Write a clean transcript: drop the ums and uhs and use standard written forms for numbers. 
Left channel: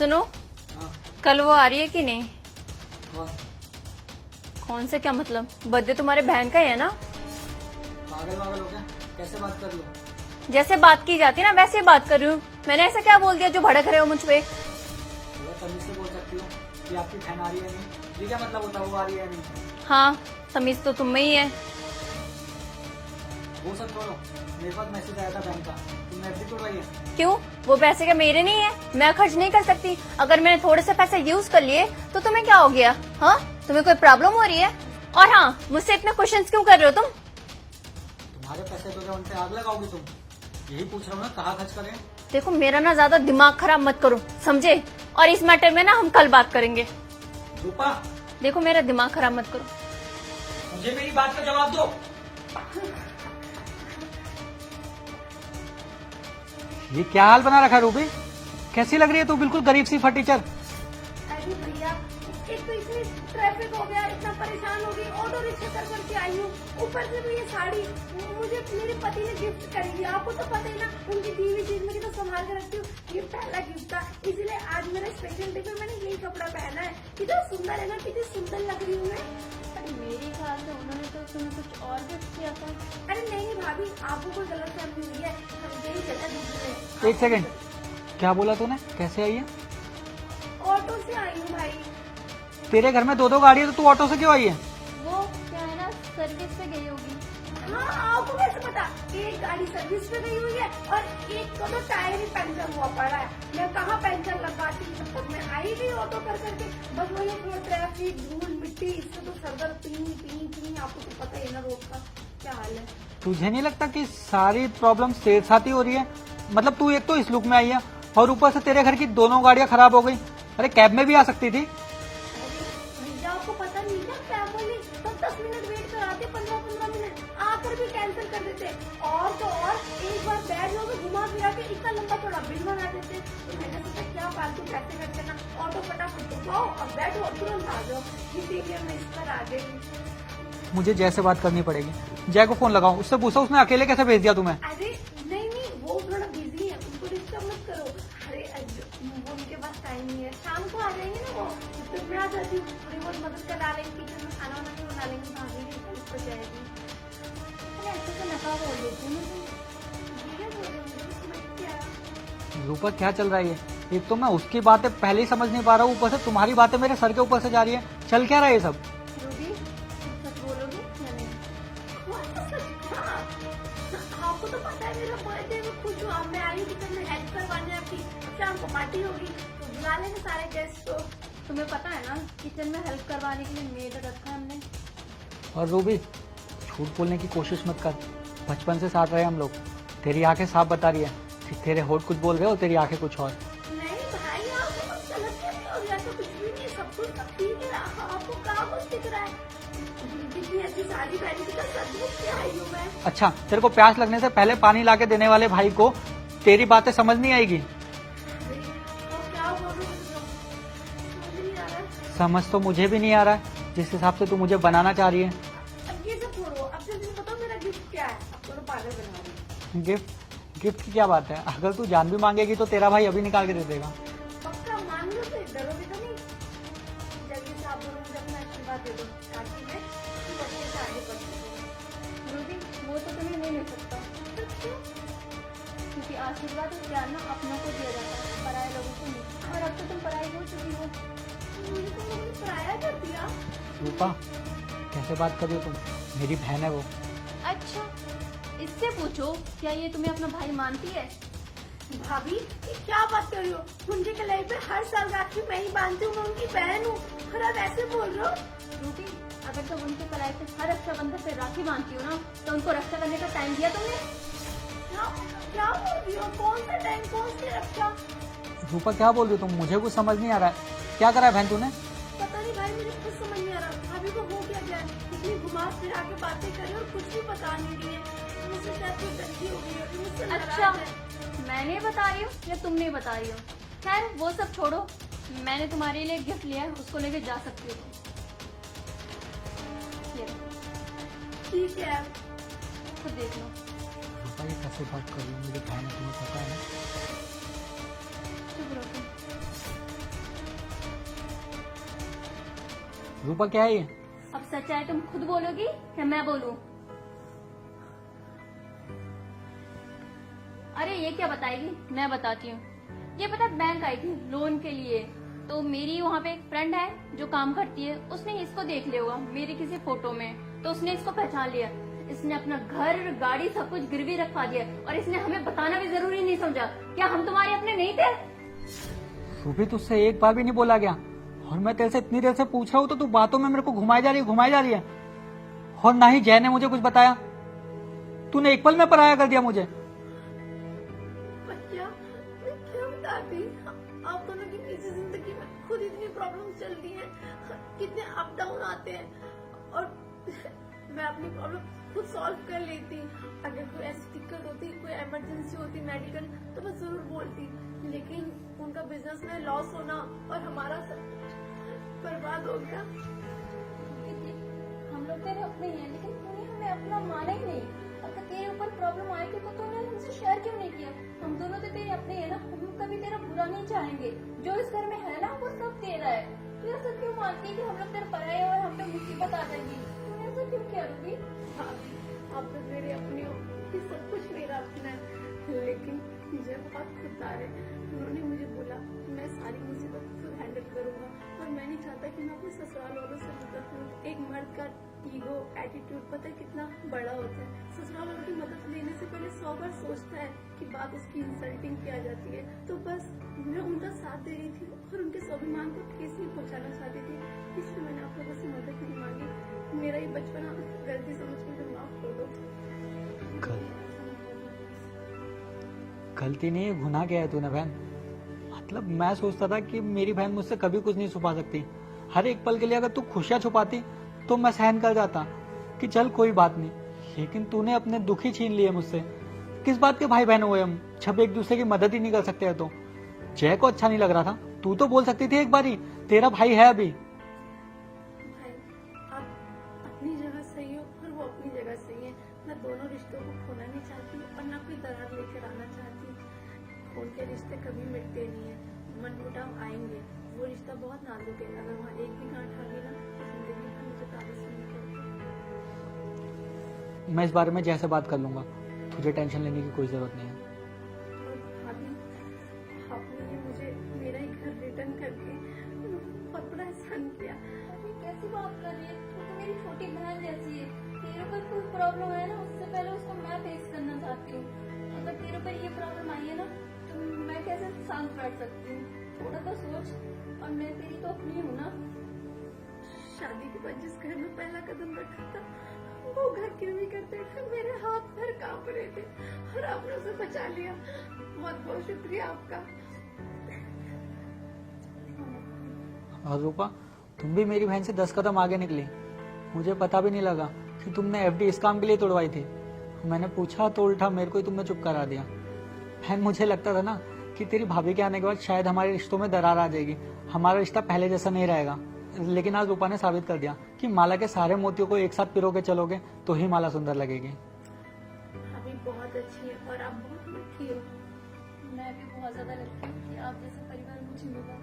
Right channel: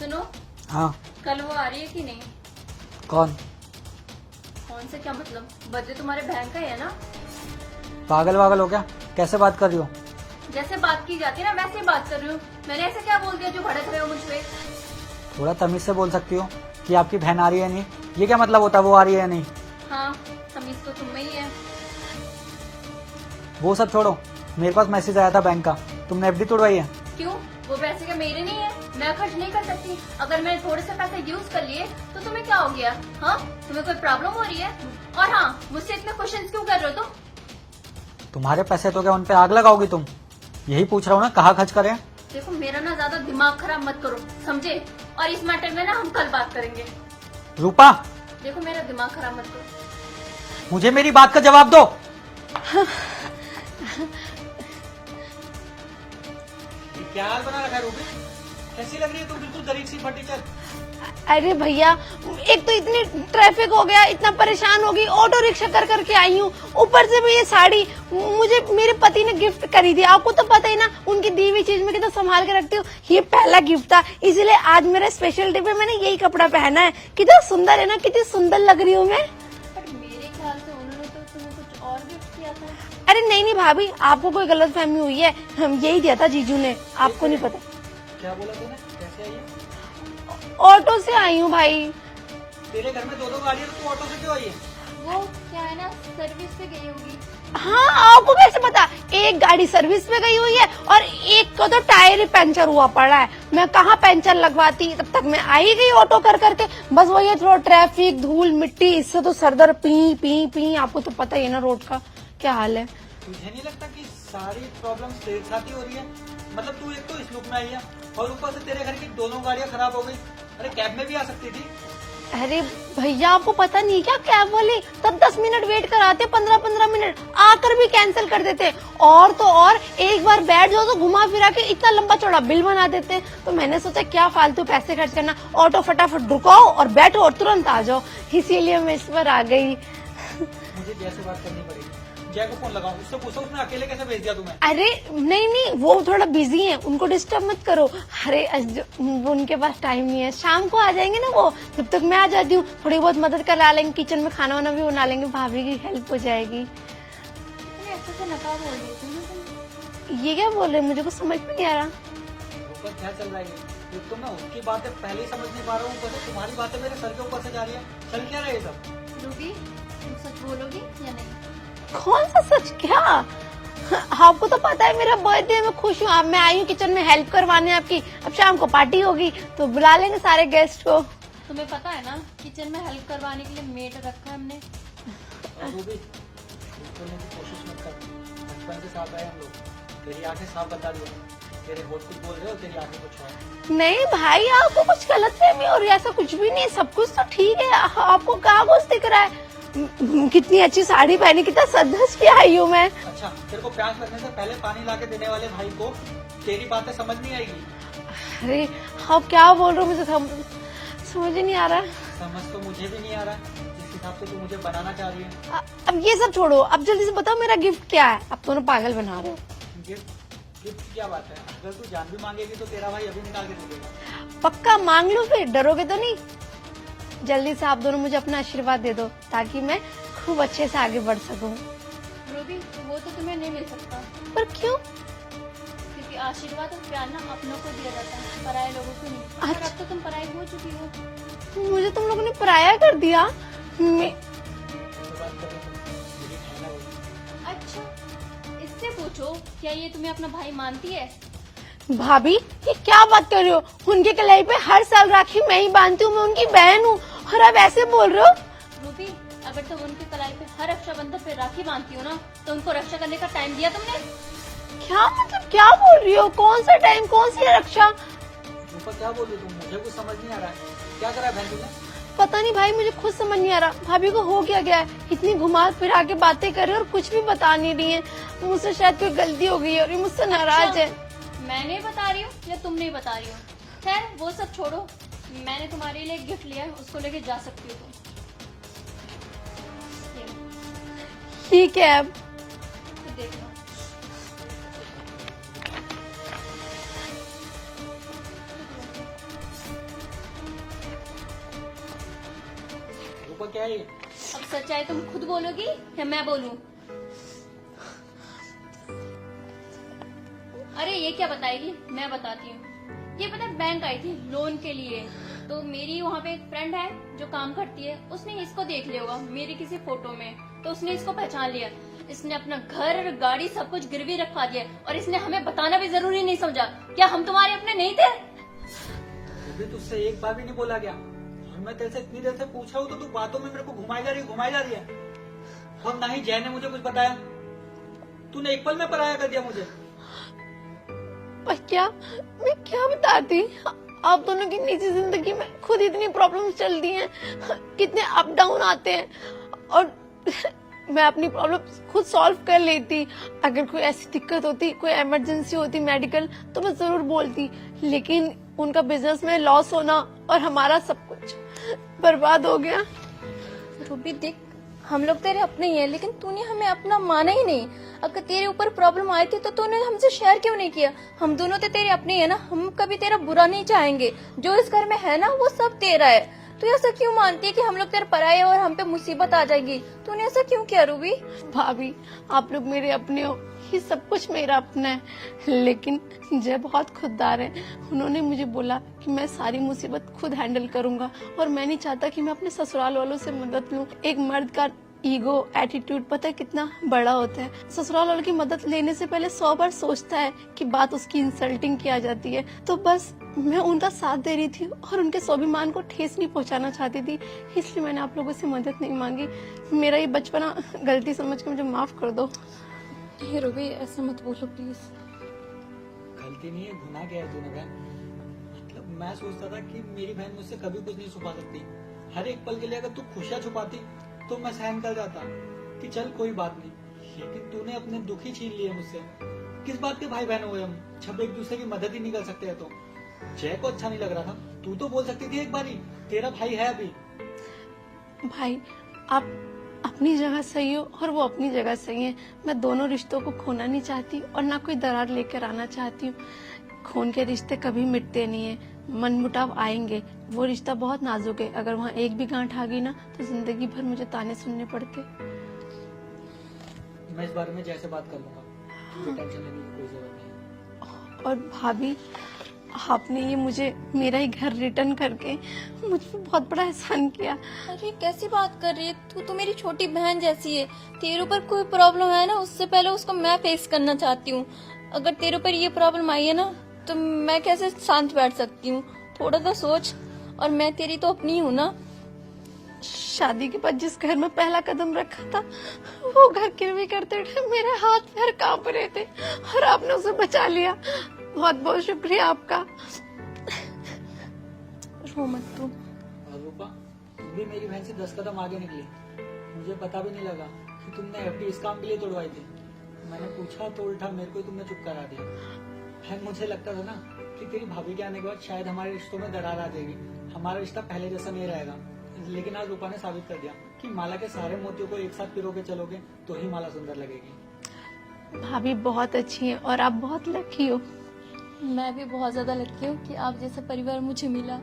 सुनो, हाँ। कल वो आ रही है कि नहीं? कौन? कौन से क्या मतलब? बर्थडे तुम्हारे बहन का ही है ना? पागल वागल हो क्या? कैसे बात कर रही हो? जैसे बात की जाती है ना वैसे ही बात कर रही हूँ। मैंने ऐसा क्या बोल दिया जो भड़क रहे हो मुझ पे? थोड़ा तमीज से बोल सकती हो कि आपकी बहन आ रही है नहीं? ये क्या मतलब होता है वो आ रही है नहीं? हाँ, तमीज तो तुम में ही है। वो सब छोड़ो, मेरे पास मैसेज आया था बैंक का, तुमने एफडी तोड़वाई है? क्यों? वो पैसे क्या मेरे नहीं है? मैं खर्च नहीं कर सकती? अगर मैंने थोड़े से पैसे यूज कर लिए तो तुम्हें क्या हो गया? हाँ, तुम्हें कोई प्रॉब्लम हो रही है? और हाँ, मुझसे इतने क्वेश्चंस क्यों कर रहे हो तुम? तुम्हारे पैसे तो क्या उन पे आग लगाओगी तुम? यही पूछ रहा हूँ ना, कहाँ खर्च करें? देखो, मेरा ना ज्यादा दिमाग खराब मत करो, समझे? और इस मैटर में ना हम कल बात करेंगे। रूपा, देखो, मेरा दिमाग खराब मत करो। मुझे मेरी बात का जवाब दो। ये क्या हाल बना रखा है रूबी? कैसी लग रही है तू? बिल्कुल गरीब सी फटीचर। अरे भैया, एक तो इतनी ट्रैफिक हो गया, इतना परेशान हो गई, ऑटो रिक्शा कर करके आई हूँ। ऊपर से भी ये साड़ी मुझे मेरे पति ने गिफ्ट करी थी। आपको तो पता ही ना, उनकी दी हुई चीज में कितना संभाल के रखती हूँ। ये पहला गिफ्ट था, इसीलिए आज मेरे स्पेशल डे पे मैंने यही कपड़ा पहना है। कितना सुंदर है ना, कितनी सुंदर लग रही हूँ मैं। मेरे ख्याल से उन्होंने तो तुम्हें कुछ और गिफ्ट किया था। अरे नहीं भाभी, आपको कोई गलत फहमी हुई है। हम यही दिया था जीजू ने, आपको नहीं पता। क्या बोला तूने? कैसे आई है? ऑटो से आई हूँ भाई। तेरे घर में दो दो गाड़ी है तो तू ऑटो से क्यों आई है? वो क्या है ना, सर्विस पे गई होगी। हाँ, आपको कैसे पता? एक गाड़ी सर्विस पे गई हुई है और एक को तो टायर ही पंचर हुआ पड़ा है। मैं कहाँ पंचर लगवाती, तब तक मैं आई गई ऑटो कर करके। बस वही है, थोड़ा ट्रैफिक, धूल मिट्टी, इससे तो सरदर्द पी पी पी। आपको तो पता ही है ना रोड का क्या हाल है। तुझे नहीं लगता कि सारी प्रॉब्लम तेरे साथ ही हो रही है? मतलब तू एक तो इस लुक में आई है और ऊपर से तेरे घर की दोनों गाड़ियां खराब हो गई। अरे कैब में भी आ सकती थी। अरे भैया, आपको पता नहीं क्या, कैब वाले तब 10 मिनट वेट कराते, 15-15 मिनट आकर भी कैंसिल कर देते। और तो और, एक बार बैठ जाओ तो घुमा फिरा के इतना लंबा चौड़ा बिल बना देते। तो मैंने सोचा क्या फालतू पैसे खर्च करना, ऑटो फटाफट रुकाओ और बैठो और तुरंत आ जाओ। इसीलिए मैं इस पर आ गई। मुझे जय से बात करनी पड़ेगी। जय को फोन लगाओ, उससे पूछो उसने अकेले कैसे भेज दिया तुम्हें। अरे नहीं नहीं, वो थोड़ा बिजी हैं, उनको डिस्टर्ब मत करो। अरे उनके पास टाइम नहीं है, शाम को आ जाएंगे ना वो। जब तक मैं आ जाती हूँ, थोड़ी बहुत मदद करा लेंगे, किचन में खाना वाना भी बना लेंगे, भाभी की हेल्प हो जाएगी। ये क्या बोल रहे, मुझे कुछ समझ में नहीं आ रहा। रूपा, क्या चल रहा है ये? एक तो मैं उसकी बातें पहले ही समझ नहीं पा रहा हूँ, ऊपर से तुम्हारी बातें मेरे सर के ऊपर से जा रही है। चल क्या रहा है ये सब? सच बोलोगी या नहीं? कौन सा सच? क्या? आपको तो पता है मेरा बर्थडे, मैं खुश हूँ। अब मैं आई हूँ किचन में हेल्प करवाने आपकी। अब शाम को पार्टी होगी तो बुला लेंगे सारे गेस्ट को। तुम्हें पता है ना, किचन में हेल्प करवाने के लिए मेड रखा है हमने। और रूबी, झूठ बोलने की कोशिश मत कर। बचपन से साथ रहे हम लोग। तेरी आंखें साफ बता रही है कि तेरे होठ कुछ बोल रहे हो, तेरी आंखें कुछ और। नहीं भाई, आपको कुछ गलत फहमी हो रही है, ऐसा कुछ भी नहीं, सब कुछ तो ठीक है। आपको कहाँ कुछ दिख रहा है? कितनी अच्छी साड़ी पहनी, कितना सज के आई हूँ मैं। अच्छा, तेरे को प्यास लगने से पहले पानी लाके देने वाले भाई को तेरी बातें समझ नहीं आएगी? अरे आप क्या बोल रहे हो, मुझे समझ ही नहीं आ रहा। समझ तो मुझे भी नहीं आ रहा है, जिस हिसाब से तू मुझे बनाना चाह रही है। अब ये सब छोड़ो, अब जल्दी से बताओ मेरा गिफ्ट क्या है। अब दोनों पागल बना रहे हो। गिफ्ट की क्या बात है? अगर तू जान भी मांगेगी तो तेरा भाई अभी निकाल के दे देगा। पक्का मांग लो, फिर डरोगे तो नहीं। जल्दी से आप दोनों मुझे अपना आशीर्वाद दे दो ताकि मैं खूब अच्छे से आगे बढ़ सकूं। रूबी, वो तो तुम्हें नहीं मिल सकता, पर क्यों? क्योंकि आशीर्वाद और प्यार ना अपनों को दिया जाता है, पराये लोगों को नहीं। और अब तो तुम पराई हो चुकी हो। मुझे तुम लोगों ने पराया कर दिया। कैसे बात कर रही हो तुम? मेरी बहन है वो। अच्छा, इससे पूछो, क्या ये तुम्हें अपना भाई मानती है? भाभी, ये क्या बात कर रहे हो? उनके कलाई पे हर साल राखी मैं ही बांधती हूँ, मैं उनकी बहन हूँ, और आप ऐसे बोल रहे हो? रूबी, अगर तुम उनके कलाई पे हर रक्षाबंधन पे राखी बांधती हो ना, तो उनको रक्षा करने का टाइम दिया तुमने? क्या मतलब, क्या बोल रही हो? कौन सा टाइम, कौन सी रक्षा? रूपा, क्या बोल रही हो तुम? मुझे कुछ समझ नहीं आ रहा है। क्या करा है बहन तूने? पता नहीं भाई, मुझे खुद समझ नहीं आ रहा। भाभी को हो क्या गया है, इतनी घुमा फिरा के बातें कर रहे और कुछ भी बता नहीं रही है। मुझसे शायद कोई गलती हो गई है और ये मुझसे नाराज है। मैं नहीं बता रही हूँ या तुम नहीं बता रही हो? खैर, वो सब छोड़ो। मैंने तुम्हारे लिए गिफ्ट लिया है, उसको लेके जा सकती हो। ठीक है, अब देख लो। रूपा क्या है ये? अब सच्चाई तुम खुद बोलोगी या मैं बोलूं? अरे ये क्या बताएगी, मैं बताती हूँ। ये पता है, बैंक आई थी लोन के लिए, तो मेरी वहाँ पे एक फ्रेंड है जो काम करती है, उसने इसको देख लिया होगा मेरे किसी फोटो में, तो उसने इसको पहचान लिया। इसने अपना घर गाड़ी सब कुछ गिरवी रखवा दिया और इसने हमें बताना भी जरूरी नहीं समझा। क्या हम तुम्हारे अपने नहीं थे? तू भी तुझसे एक बार भी नहीं बोला गया, और मैं तेरे से इतनी देर से पूछ रहा हूँ तो तू बातों में मेरे को घुमाई जा रही है। और ना ही जय ने मुझे कुछ बताया, तूने एक पल में पराया कर दिया मुझे। पर क्या मैं क्या बताती, आप दोनों की निजी जिंदगी में खुद इतनी प्रॉब्लम्स चलती हैं, कितने अप डाउन आते हैं, और मैं अपनी प्रॉब्लम्स खुद सॉल्व कर लेती। अगर कोई ऐसी दिक्कत होती, कोई इमरजेंसी होती मेडिकल, तो मैं जरूर बोलती, लेकिन उनका बिजनेस में लॉस होना और हमारा सब कुछ बर्बाद हो गया। रूबी देख, हम लोग तेरे अपने ही हैं, लेकिन तूने हमें अपना माना ही नहीं। अगर तेरे ऊपर प्रॉब्लम आई थी तो तूने हमसे शेयर क्यों नहीं किया? हम दोनों तो तेरे अपने हैं ना, हम कभी तेरा बुरा नहीं चाहेंगे। जो इस घर में है ना वो सब तेरा है। तू ऐसा क्यों मानती है कि हम लोग तेरे पराए हैं और हम पे मुसीबत आ जाएगी? तूने ऐसा क्यों किया रूबी? भाभी, आप लोग मेरे अपने हो, ये सब कुछ मेरा अपना है, लेकिन जय बहुत खुददार है। उन्होंने मुझे बोला कि मैं सारी मुसीबत खुद हैंडल करूंगा, और मैं नहीं चाहता कि मैं अपने ससुराल वालों से मदद लूं। एक मर्द का ईगो, एटीट्यूड पता है कितना बड़ा होता है। ससुराल वालों की मदद लेने से पहले 100 बार सोचता है कि बात उसकी इंसल्टिंग की आ जाती है। तो बस मैं उनका साथ दे रही थी और उनके स्वाभिमान को ठेस नहीं पहुंचाना चाहती थी, इसलिए मैंने आप लोगों से मदद नहीं मांगी। मेरा ये बचपना गलती समझ के मुझे माफ कर दो। रूबी ऐसा मत बोलो प्लीज। गलती नहीं है, गुनाह किया है तूने बहन। मतलब मैं सोचता था कि मेरी बहन मुझसे कभी कुछ नहीं छुपा सकती। हर एक पल के लिए अगर तू खुशियां छुपाती तो मैं सहन कर जाता कि चल कोई बात नहीं, लेकिन तूने अपने दुख ही छीन लिए मुझसे। किस बात के भाई बहन हुए हम जब एक दूसरे की मदद ही नहीं कर सकते है? तो जय को अच्छा नहीं लग रहा था, तू तो बोल सकती थी एक बार ही, तेरा भाई है अभी। भाई, आप अपनी जगह सही हो और वो अपनी जगह सही है। मैं दोनों रिश्तों को खोना नहीं चाहती और ना कोई दरार लेकर आना चाहती हूँ। खून के रिश्ते कभी मिटते नहीं है, मनमुटाव आएंगे। वो रिश्ता बहुत नाजुक है, अगर वहाँ एक भी गांठ आ गई ना तो जिंदगी भर मुझे ताने सुनने पड़ते। मैं इस बारे में जय से बात कर लूंगा, तुझे टेंशन लेने की कोई जरूरत नहीं है। और भाभी, आपने ये मुझे मेरा ही घर रिटर्न करके मुझ पर बहुत बड़ा एहसान किया। अरे कैसी बात कर रही है तू? तो मेरी छोटी बहन जैसी है। तेरे ऊपर कोई प्रॉब्लम है ना, उससे पहले उसको मैं फेस करना चाहती हूँ। अगर तेरे ऊपर ये प्रॉब्लम आई है ना तो मैं कैसे शांत बैठ सकती हूँ? थोड़ा तो सोच। और मैं तेरी तो अपनी हूँ ना। शादी के बाद जिस घर में पहला कदम रखा था वो घर गिरवी करते हुए मेरे हाथ पैर कांप रहे थे, और आपने उसे बचा लिया। बहुत बहुत शुक्रिया आपका। रो मत तू। और रूपा, तुम भी मेरी बहन से 10 कदम आगे निकली। मुझे पता भी नहीं लगा कि तुमने एफडी इस काम के लिए तोड़वाई थी। मैंने पूछा तो उल्टा मेरे को ही तुमने चुप करा दिया। बहन, मुझे लगता था ना कि तेरी भाभी के आने के बाद शायद हमारे रिश्तों में दरार आ जाएगी, हमारा रिश्ता पहले जैसा नहीं रहेगा। लेकिन आज रूपा ने साबित कर दिया कि माला के सारे मोतियों को एक साथ पिरो के चलोगे तो ही माला सुंदर लगेगी। भाभी बहुत अच्छी है और आप बहुत लकी हो। मैं भी बहुत ज्यादा लकी हूँ कि आप जैसा परिवार मुझे मिला।